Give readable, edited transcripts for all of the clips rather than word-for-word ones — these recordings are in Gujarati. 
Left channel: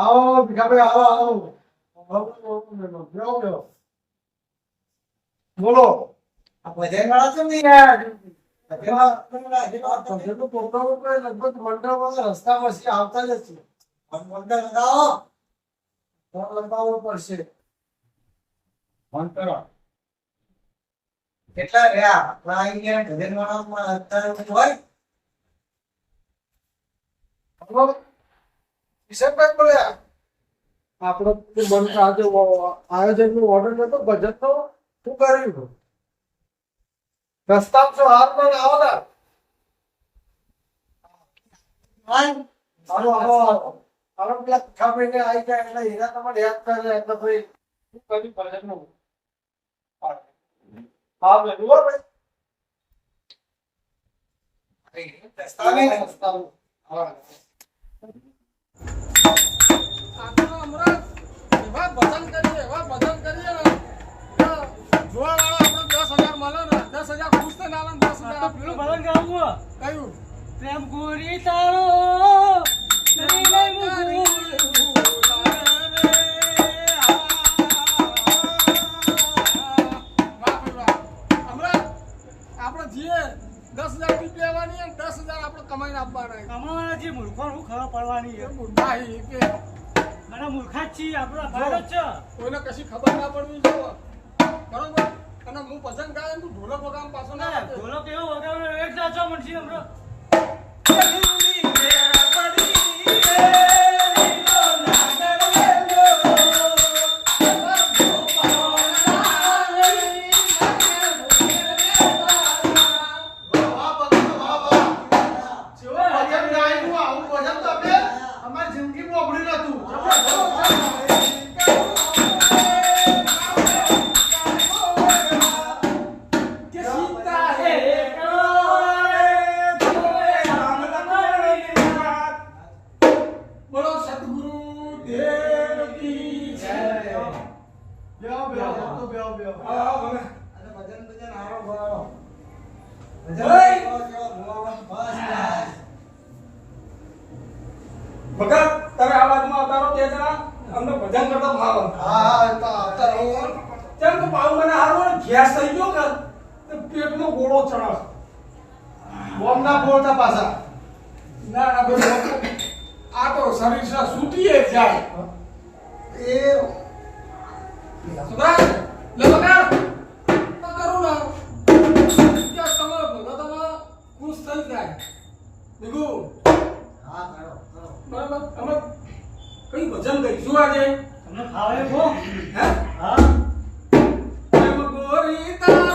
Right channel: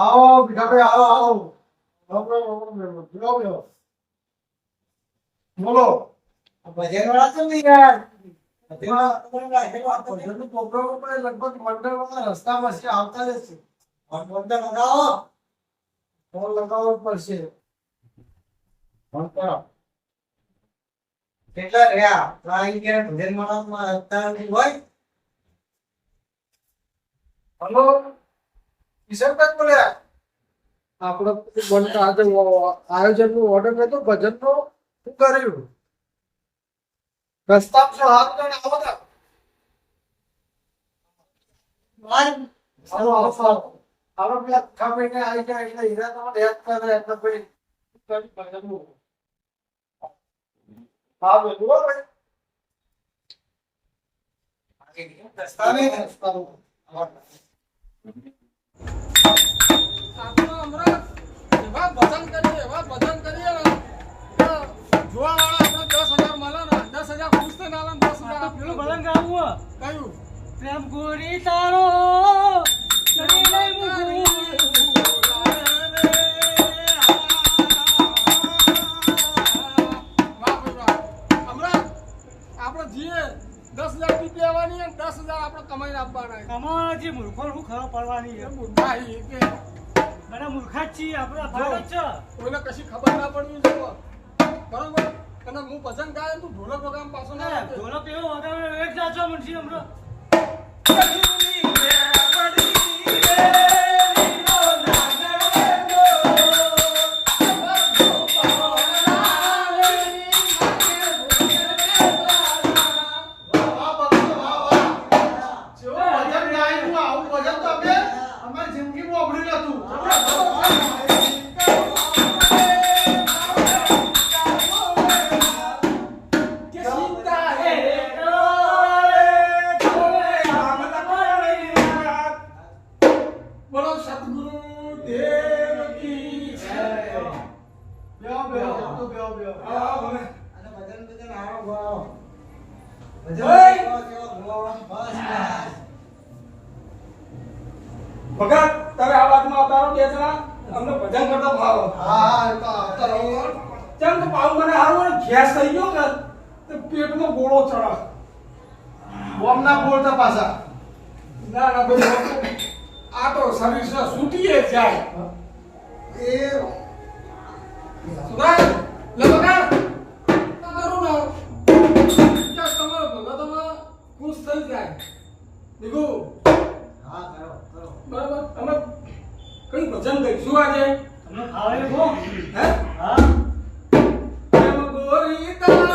આવો ભીખાભાઈ આવો. બોલો. આ ભજન વાળા છો ને યાર? ભજનનું પ્રોગ્રામ ઉપર લગભગ મંડળમાં રસ્તામાં છે, આવતા જ છે. મંડળ લગાવો. ફોન લગાવવો પડશે. ફોન કરો. કેટલા રહ્યા આપણા અહીંયા ભજન વાળામાં અત્યારે હોય? હલો કિશનભાઈ બોલ્યા. આપણે બંધ આજે આયોજનનો ઓર્ડર નતો ભજનનો, શું કર્યું? રસ્તામાં શું હાથ લઈને આવો ને. આવો પેલા ખામીને આવી જાય એટલે હીરા તમારે યાદ કરે એટલે ભાઈ શું કર્યું ભજનનું. હા ભાઈ બોલો ભાઈ. પ્રેમ ગોરી તારો કમાવાના મૂર્ખો શું ખબર પડવાની મને મૂર્ખા જ છીએ આપણા ભારત છે. કોઈને કશી ખબર ના પડવી જોઈએ બરોબર. અને હું ભજન ગાય તું ઢોલક વગામ પાછો ના ઢોલક એવો વગાડો એક જાચો મનસી હમણાં ભગત તમે આ વાતમાં અતારો તે જણા અમને ભજન કરતો ભાવ. કેમ કે પાવ મને હારું ગેસ થઈ ગયો કે તે પેટમાં ગોળો ચડા. બોમ ના બોલતા પાછા. ના ના ભાઈ આ તો શરીર સે છૂટીએ જાય. એ સુરાજ લે બકા કરું ના ક્યાં તમારો ભગતમાં ખુશ થઈ જાય. દીકુ હા કરો કરો. બરાબર અમે કઈ ભજન ગઈશું આજે. તમને ફાવે છો? હે હા પ્રેમ ગોરી તારો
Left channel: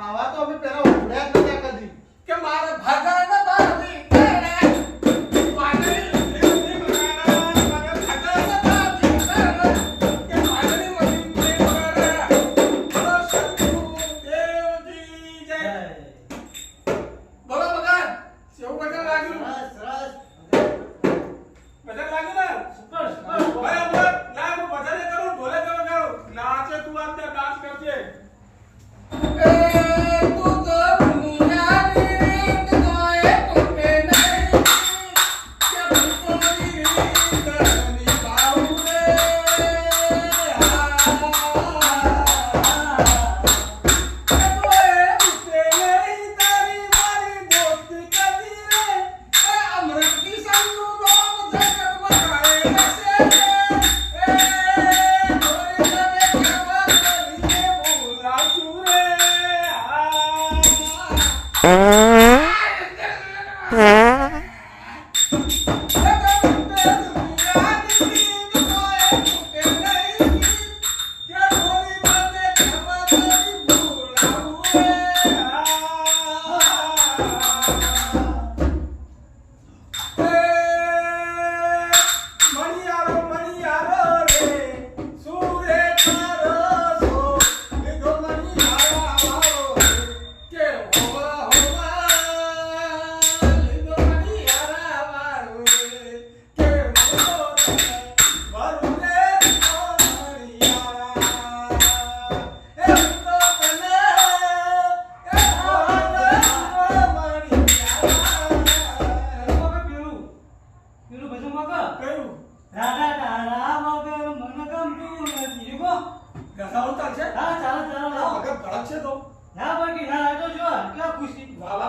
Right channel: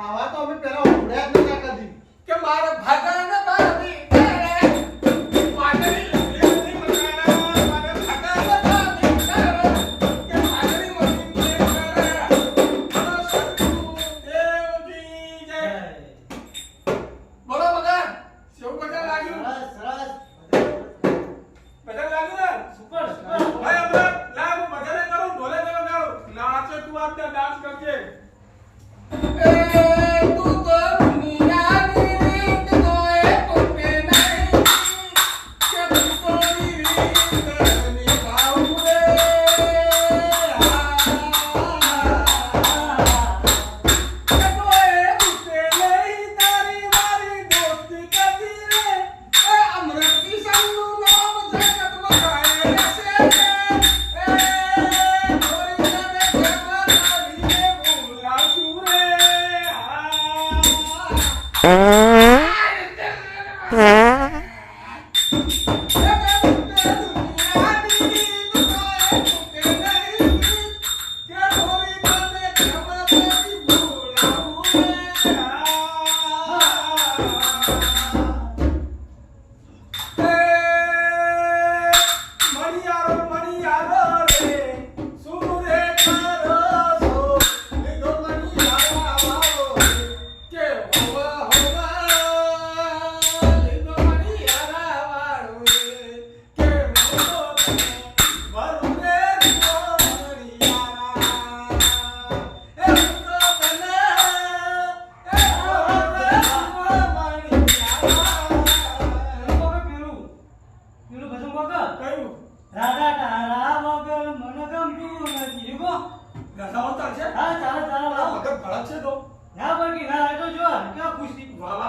આવા તો અમે પેલા ઉડ્યા જ નતા કદી. કે મારે ભજન બાંધી ડાન્સ કરજે. એ તું તો દુનિયાની રીત કોઈ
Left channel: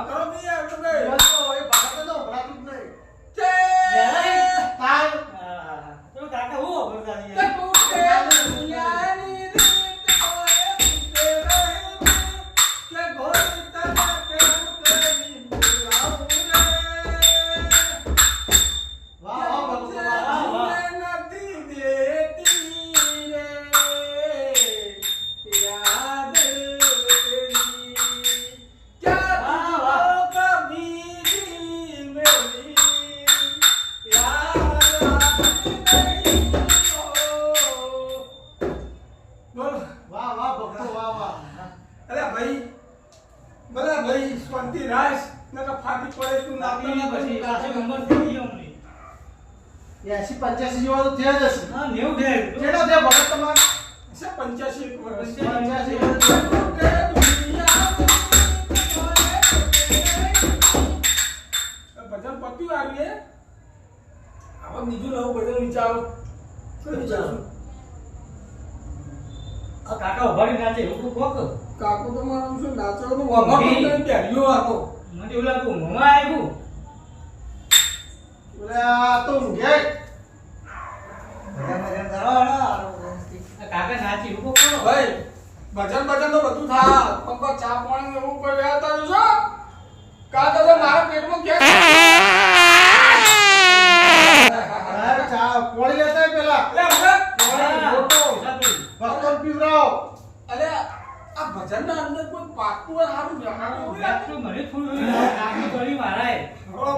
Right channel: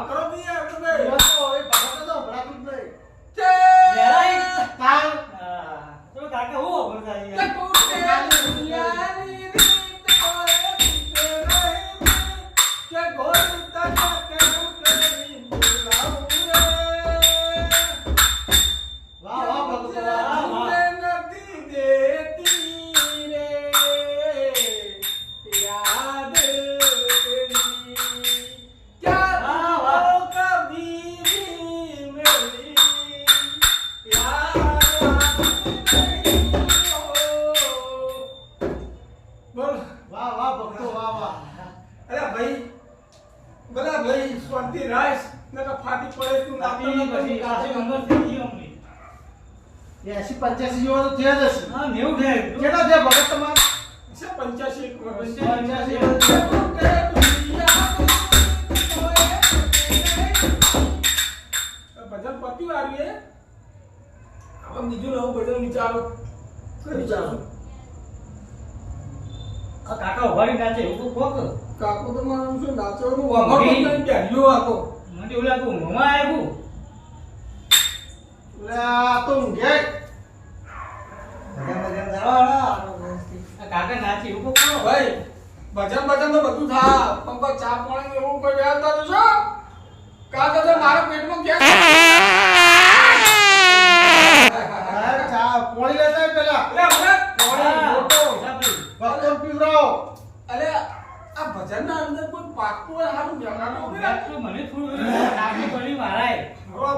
વાત કરો બી યાર તમે બસ તો હવે ભગત તો ભરાતું જ નહીં. કે તાર તો કાકા હું બોલતા કે યાર કોટે દુનિયાની રીત કોએ પીતે નહીં કે ગોરતા માટે હું કરી બોલાવું રે વાહ વાહ ભગત વાહ વાહ. નથી દેતી રે યાદ તેરી क्या कभी भी मेरी याद नहीं हो बोल વાહ વાહ ભગતો વાહ વાહ. અરે ભાઈ ભલે ભાઈ શાંતિ રાખ નકા ફાટી પડે તું નાખી પછી પાસે નંબર થઈ ગયો અમને 80-85 જેવો તો થયા જ હશે. હા 90 થઈ કેટલા થયા ભગત તમારે? 85 એક વર્ષ 85 ભજન પત્યું આવ્યું એ હવે બીજું નવું ભજન વિચારો કઈ વિચારો આ કાકા ઉભારી નાચે એવું કોક કાકુ તો મારું શું નાચવાનું વગર નહીં બેઠ્યો હતો મને એવું લાગ્યું મમા આવ્યું આ તો ઊંઘે. આ કાકા નાચે એવું કોક કરો ભાઈ ભજન ભજન તો બધું થા પપ્પા ચા પાણી એવું કોઈ વ્યવસ્થા છે કાકા તો મારા પેટમાં ગેસ આ ચા પોણી લેતા આય પેલા. ભગતો પીવરાવો. અરે આ ભજન ના અંદર કોઈ પાકું હોય સારું બેઠાનું તો મને થોડું નાચી કરી મારાય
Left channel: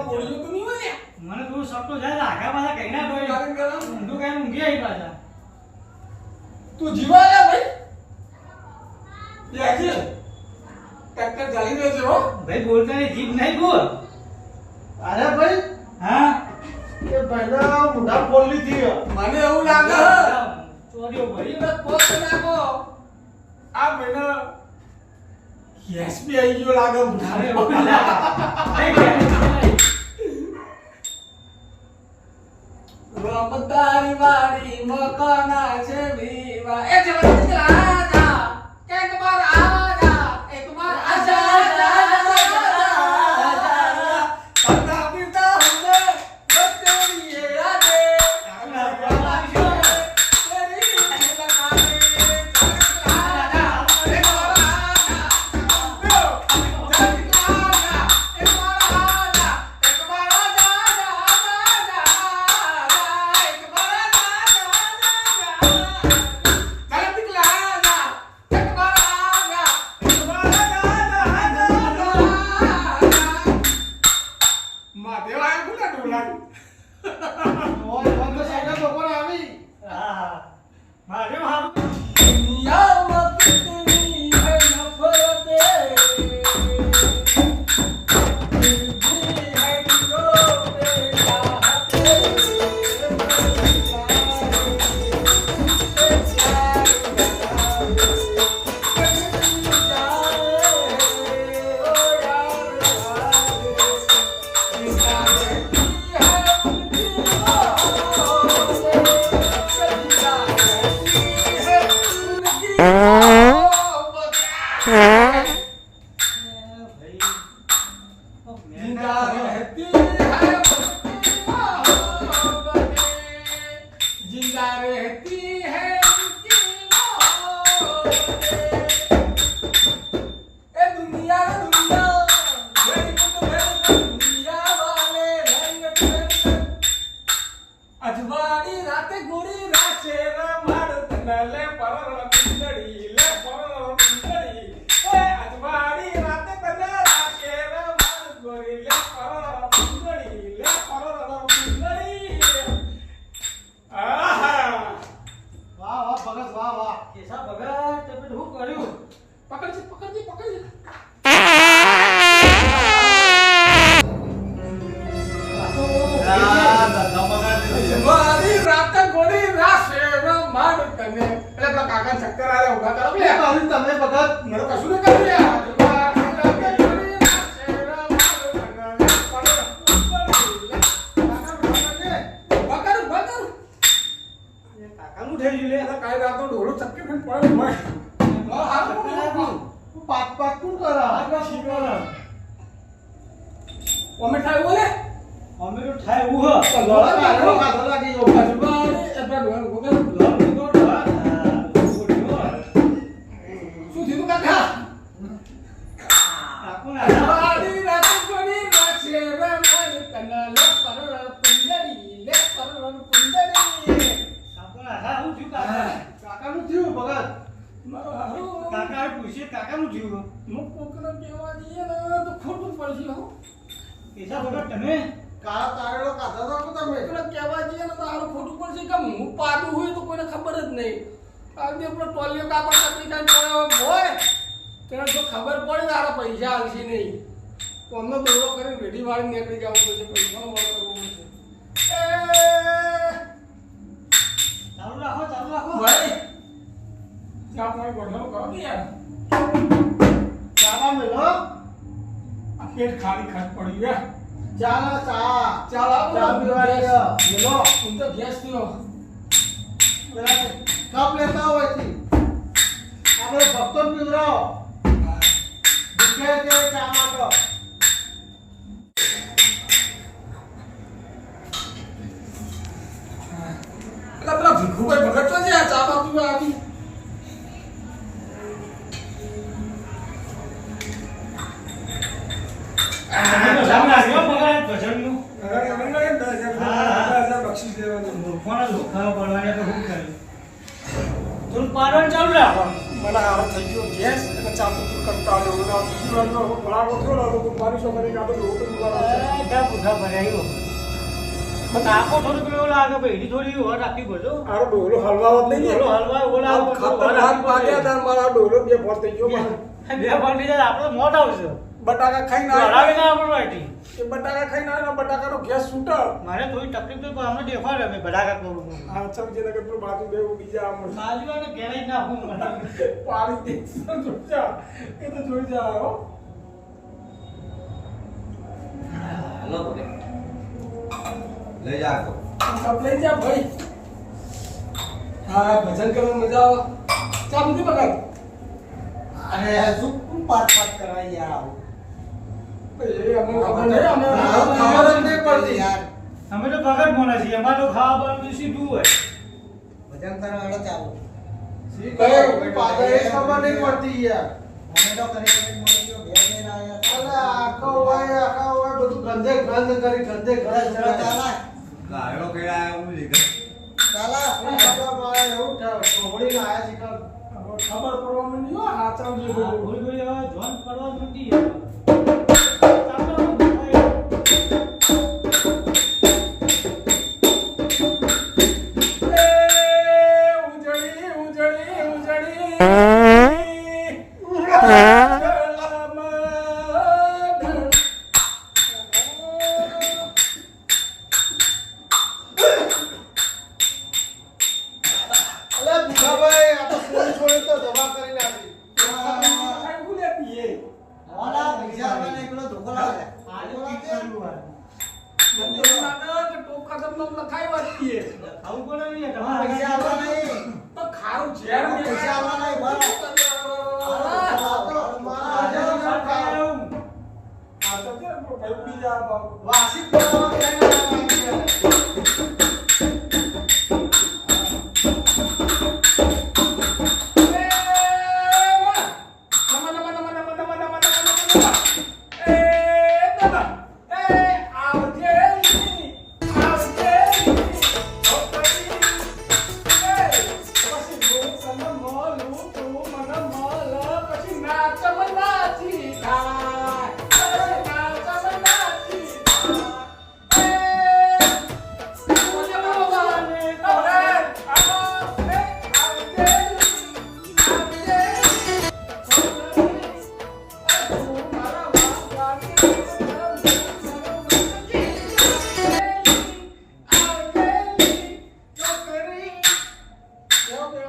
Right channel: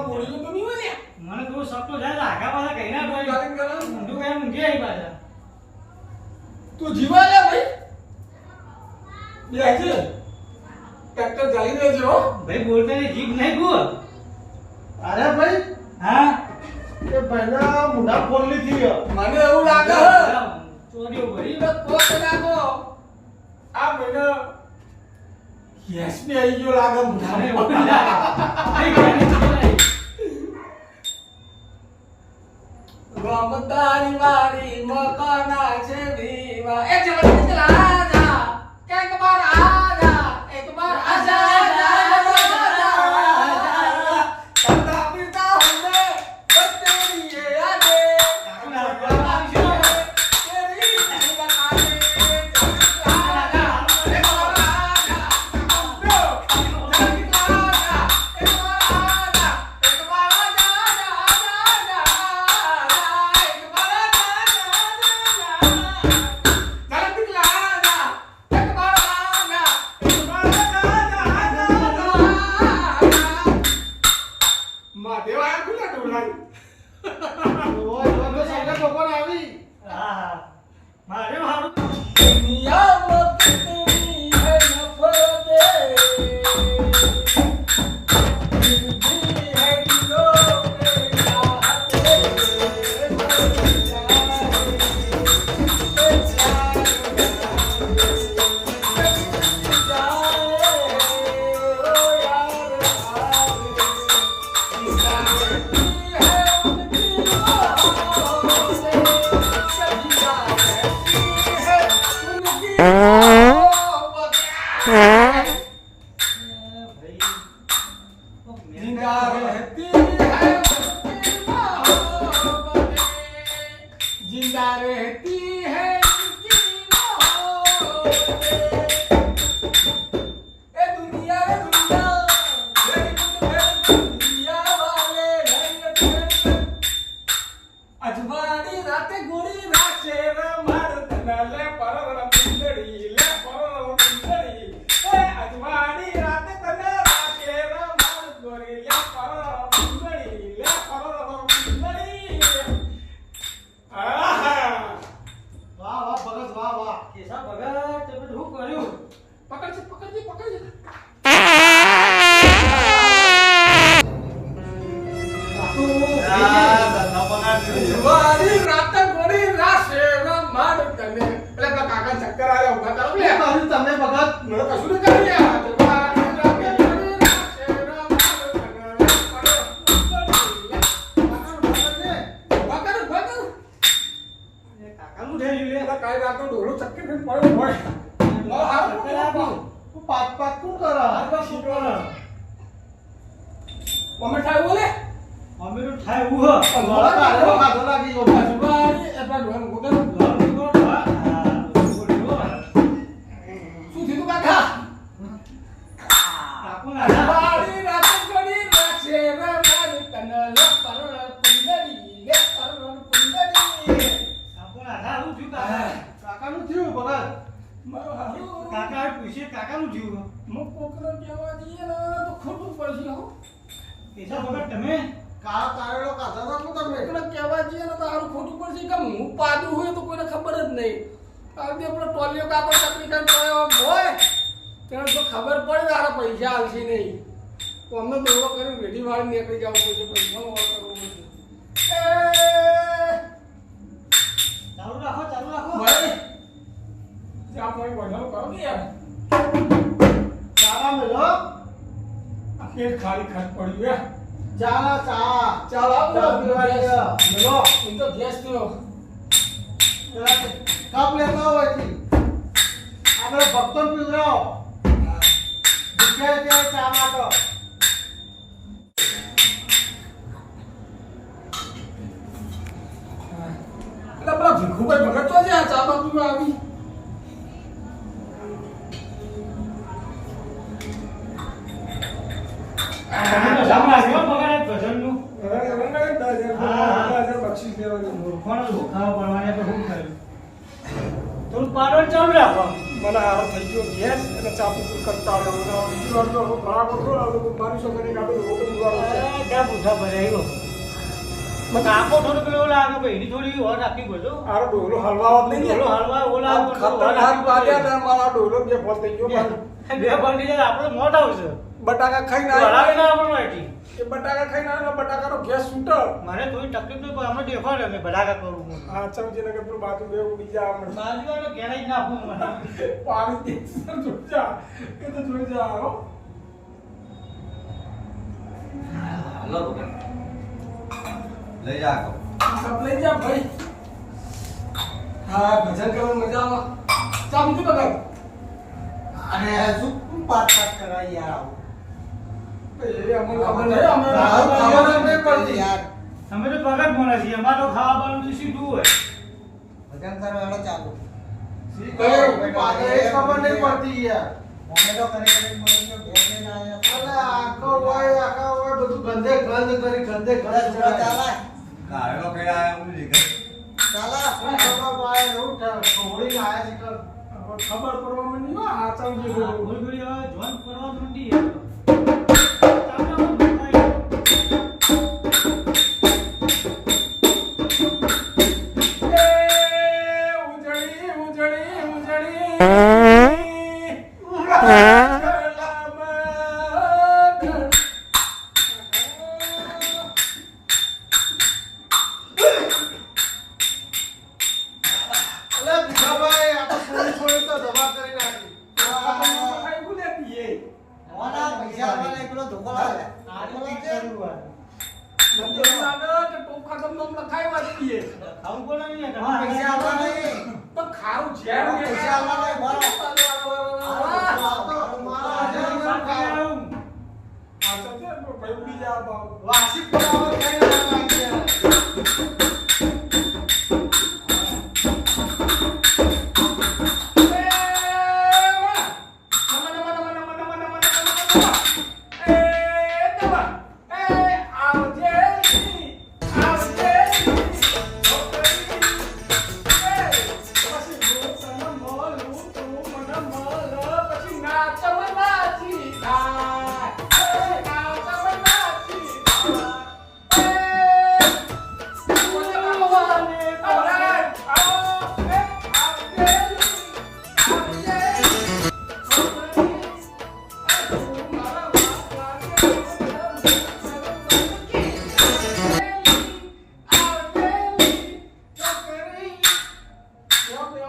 બોલ્યું તો નહીં હોય ને મને થોડું સપનું થાય તો આગા પાછા કઈ ના કરી કારણ કે ઊંધું કઈ ઊંઘી આવી પાછા તું જીવા લે ભાઈ બેઠે ટ્રેક્ટર ચાલી રહ્યો છે હો ભાઈ બોલતાની જીભ નહીં બોલ અરે ભાઈ હા એ ભાઈના મુઢા ફોડલી થી. મને એવું લાગે ચોરીઓ ભરી કોક લાગો આ મહિનો યસ બી આવી ગયો લાગે અરે મને એવું લાગે. નહીં ગયા. રમતાની વારી મકાના છે વિવા એ ચલો ચલા આજા કંઈક બાર આજા એક બાર આજા કરતા પીતા હમે બતેરી એ આદે તેરી લગાને આજા એક બાર આજા ઓય ઓય તો સાઈડે બપોર આવી. હા મારે મારું जिंदा रहती है उसकी मोहब्बत जिंदा रहती है उसकी मोहब्बत ए दुनिया रे दुनिया मेरी पुत दुनिया वाले अजवाड़ी राते गोरी राचे रमाड़ तनले परर पिंडड़ी ले परर पिंडड़ी ए अजवाड़ी राते तने राचे रमाड़ गोरी ले परर અમે થાય બોલે અમે તો થાય એવું હ પણ લોડા લોડા કાઢો, કાઢો લાગી ગયો. જબારી એટલા ડોહા વગર લોન નીકળો હા શું થયું કાકા કાકો ના બારી રાત ગણી રાખે રે મારી તનલે પરર પુંડરી લે પરર પુંડરી કાકો ના હું છું કાકા કાકાનું થયું ભગત. મારું કાકા પૂછે કાકાનું જીવ મુક કોકનો કહેવા દઈએ ને તો ખોટું પડશે હો પૈસા વગર તમે કાળા તારેલો કાઢા હતા કો તમે. કોકનો કહેવા દઈએ ને તો હારું ખોટું પડશે કે હું પાડું હોય તો કોઈને ખબર જ નહીં આજે આપણો ટોલિયો કાકો ચકરી ખાઈને પડ્યો હોય તેને જો ખબર પડે તારે પૈસા આવશે નહીં તો અમને દોડો કરીને રેડી વાળી નીકળી જવું પડશે પૈસાનો વાળ કરવો પડશે ચાલુ રાખો ભાઈ ચા પાણી બનાવો કરો કે યાર ચાલા મેલો. આ પેટ ખાલી ખાટ પડ્યું યાર ચાલા ચા. ચાલ આવો ચા પીવાની છે. મેલો. હું તો ગેસ પીવો પેલા કપ લેતા હોય થી. આપણે ભક્તો પીવડાવો. ભૂખ્યા છે ચા માટે. એટલે પેલા ભીખુભાઈ ભગત તો છે આ ચા બાજુ આવી જામ લાગ્યો બગાડ ભજનનું બક્ષીસ દેવાનું મૂર્ખોને લોખા પડવાને તો શું કર્યું થોડું પાડવાનું ચાલુ રાખો મને આવા થઈ ગયો ગેસ એટલે ચા પીતું કંટાળો આવ્યો બીજી વારનો હવે ભરાવો થોડો હવે મારી સો કરીને આપણે રોટો દીવાનો છે ક્યાં પૂછા ભરાયો કાકો થોડું પેલો લાગે ભાઈ થોડી ઓર રાખવી પડજો આરો ડોલો હલવાවත් નહીં ડોલો હલવા ઓલા ખતર હાથ પાડ્યા ને મારા ડોલો બે ફોન થઈ ગયો મારો. બે પાંડી જાય આપણો મોટ આવશે બટાકા ખાઈને હલાવી આવ્યો ના આપણો એટી એ બટાકા ખાઈને આવ્યો બટાકાનો ગેસ છૂટો મારે થોડી તકલીફ તો અમે દેખાડે અમે બડાકા કરું હું હા ચમચી નગર પેલું બાજુ દેવું બીજા આમ બાજુ આને ઘેરાઈ જ નાખું મને પાણી દે જોઈ જા એ તો જોઈ જા હો લઈ જા તો. કપ લઈ જા ભાઈ હા ભજન કરવાની મજા આવે ચા પીધી બગડ અરે શું પાટ પાટ કરાય યાર. એ અમને ખબર નહીં અમે ખબર જ નહીં પડતી. યાર અમે તો ભગત મોના છીએ અમારે તો ખાવા બનાવવાનું સીધું હોય ભજન કરવાડો ચાલુ. કઈ પાછળ એ ખબર નહીં પડતી યાર. અમે તો કરે કરે મળી ગયો ઘેર લઈને આયા. અલે આખા હોય બધું ગંદે ગંદ કરી ગંદે ગંદ ચાલે ચડાય. ગાળો કઈ આયા હું લીધો. ચાલે શું ખબર પડે એવું થાય. છોડીને આયા છે કાલ. ખબર પડવા માંડી હો આ ચમચી થોડી થોડી હવે જોન પડવા માંડી ચાલો ઉજળી ઉજળી ઉજળી અલે ભીખાભાઈ આ તો છોડી તો દવા કરી નાખી. વાલા પૈસા વાળા એકલો ધોકો લાગે. આજે ઠીક કરવું હોય ખાવું પડે ને તમારા પૈસા આવવા નહીં. પૈસા આવવા નહીં બરાબર. વાસી પડાવવા કઈ ના લાગી યાર.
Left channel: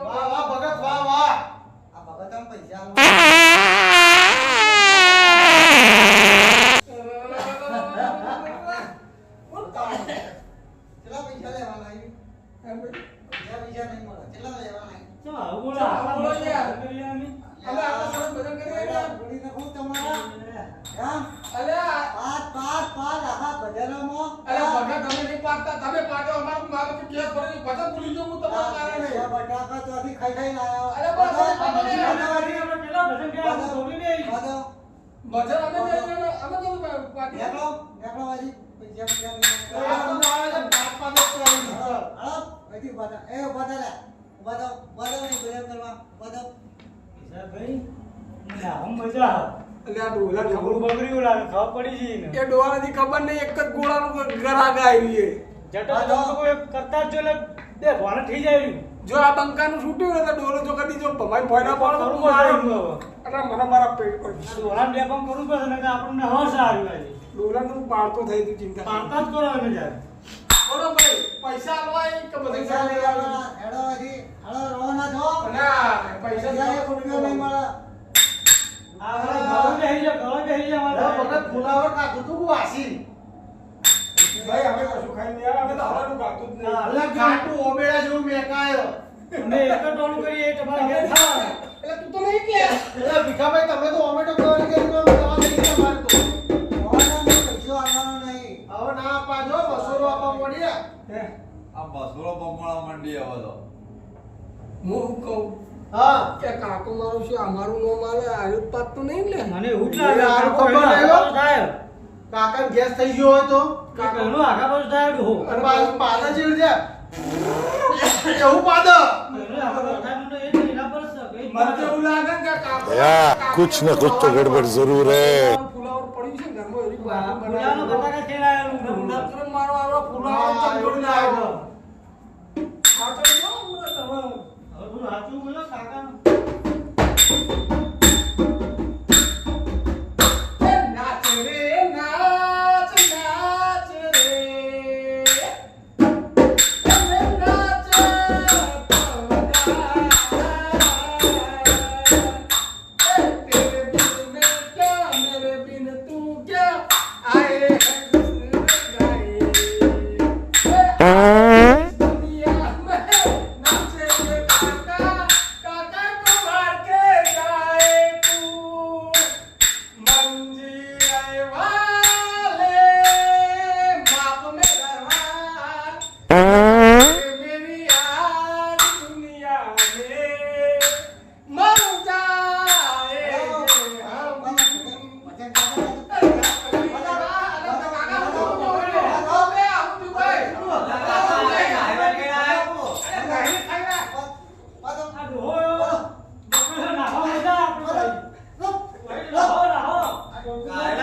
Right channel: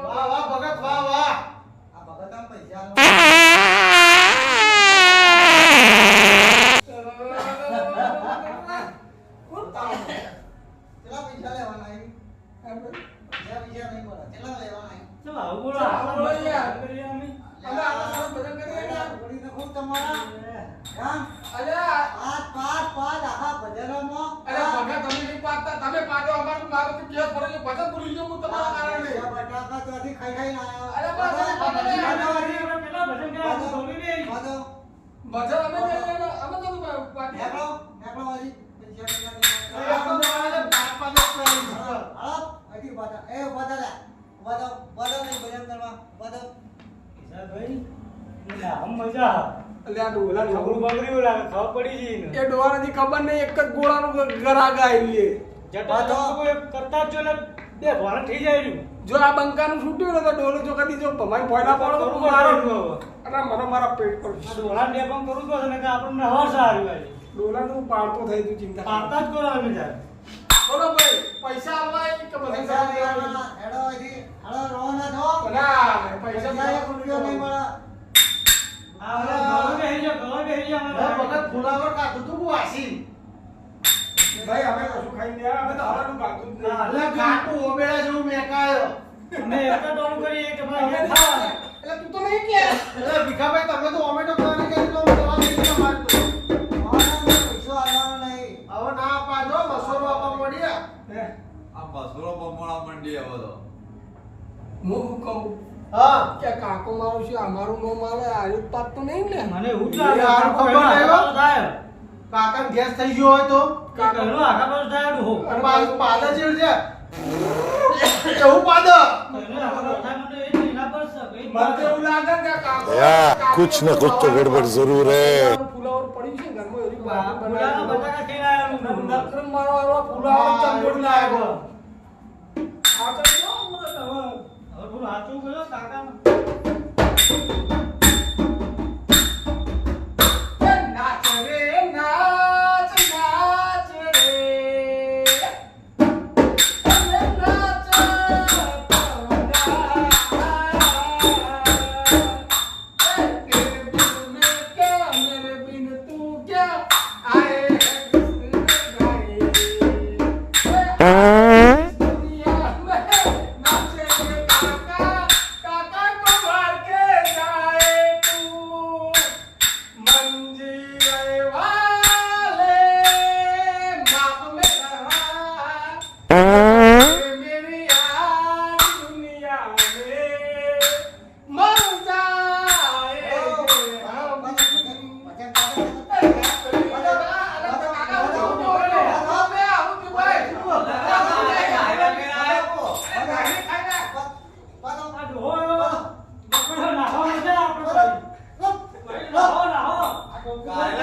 વાહ વાહ ભગત વાહ વાહ. આ ભગતના પૈસા આલો. કેટલા પૈસા લેવાના એ? બીજા પૈસા નહીં મળે. કેટલા લેવાના એ? ચાલો આવું બોલો આવું બોલો યાર. કરીએ અમે અમે આ સારું ભજન કરીએ યાર. ઘોડીને ખૂબ તમારા. હા? અલ્યા પાંચ પાંચ આખા ભજનોમાં અરે ભગત તમે નહીં પાડતા તમે પાડો અમારું મારું તો કેસ ભરેલું ભજન ભૂલી ગયો હું તમારા કારણે બટાકા ત્યાંથી ખાઈ આવ્યો અરે બસ કેટલા ભજન ગયા ધોની ને બધો ભજન અમે અમે તો પાડી નેકળો વાજી પૈસા હજી બધા એ બધા લે બધો ને ભજન કરવા બધો ભાઈ ના હમ મજા એટલે આ ડોલા ખબર બગડ્યું લાગે ખબર પડી જઈ ને એ ડોહાની ખબર નહીં એક જ ગોળાનું ગરાગ આવી છે જટા તો કોઈ કરતા જ જો એટલે બે ભણ થઈ જાય રહ્યું જો આ બંકાનું છૂટ્યું ને તો ડોલો જો કદી જો ભમાઈ ફોયના પાડો તો કરવું મારો પડે અરે મને મારા પેટ પર ડોલા ને પણ કરવું પડે ને આપણને હવા સારી વાળી ડોલા તો પાડતો થઈ તું ચિંતા પાડતા જ કરો અમે જાય બોલો ભાઈ પૈસા આલવાય કે બધું પૈસા કરી લેવાના હેડો હજી હાલો રો ના થો ના પૈસા એક રૂપિયો નહીં મળે આ ગળો બેહી જા ભગત ફુલાવર કાઢું તું વાસી ભાઈ અમે કશું ખાઈ નહીં અમે તો હવાનું ગાતું જ નહીં અલ્લા ઘાટું ઓબેડા જેવું મેકાયો અમે એક જ ટોલું કરીએ તમારે ઘેર ખાવાનું એટલે તું તો નહીં કે એટલે ભીખાભાઈ તમે તો ઓમેટો ખાવાની કરી તો દવા લઈ ગયા મારતો પૈસો આવવાનો નહીં હવે ના પાડો 200 આપવા મળ્યા આ બસરો બમણા મંડી હવે તો હું શું કહું હા કે કાકો મારું છે અમારું નો માલે આયુ પાત તો નહીં ને મને એવું જ લાગે આ કાકો ખબર એનો આવ્યો? આઘા થાય કાકા ગેસ થઈ ગયો હોય તો કાકાનું આઘા પાછું થાય ડોહો અને પાદા જેવું છે એવું પાદા એનો આઘા પાછું થાય મને એ તો એના પર છે ભાઈ મને તો એવું લાગે ને કે કાકો भैया कुछ न कुछ तो गड़बड़ जरूर है ફુલાવર પડ્યું છે ઘરમાં એવી વાત ફુલાનો બટાકા ખાઈને આયેલું ડોહો. નકરમ મારો આવો ફુલાવર ચંદોડ ના આવ્યો આ તો જો મને તમે હવે થોડું સાચું બોલો કાકા નાચ રે નાચ નાચ રે નાચ तेरे बिन मैं क्या मेरे बिन तू क्या आए हैं गाए दुनिया में नाचे काका काका को मार के जाए तू मंजी वाले माप में रहा मेरी आज दुनिया में मर जाए हम આ ડોહો એવો બકડો નાખવા મજા આપણે ભાઈ. ભાઈ, નાહો, નાહો. નાહો,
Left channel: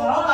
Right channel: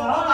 નાહો.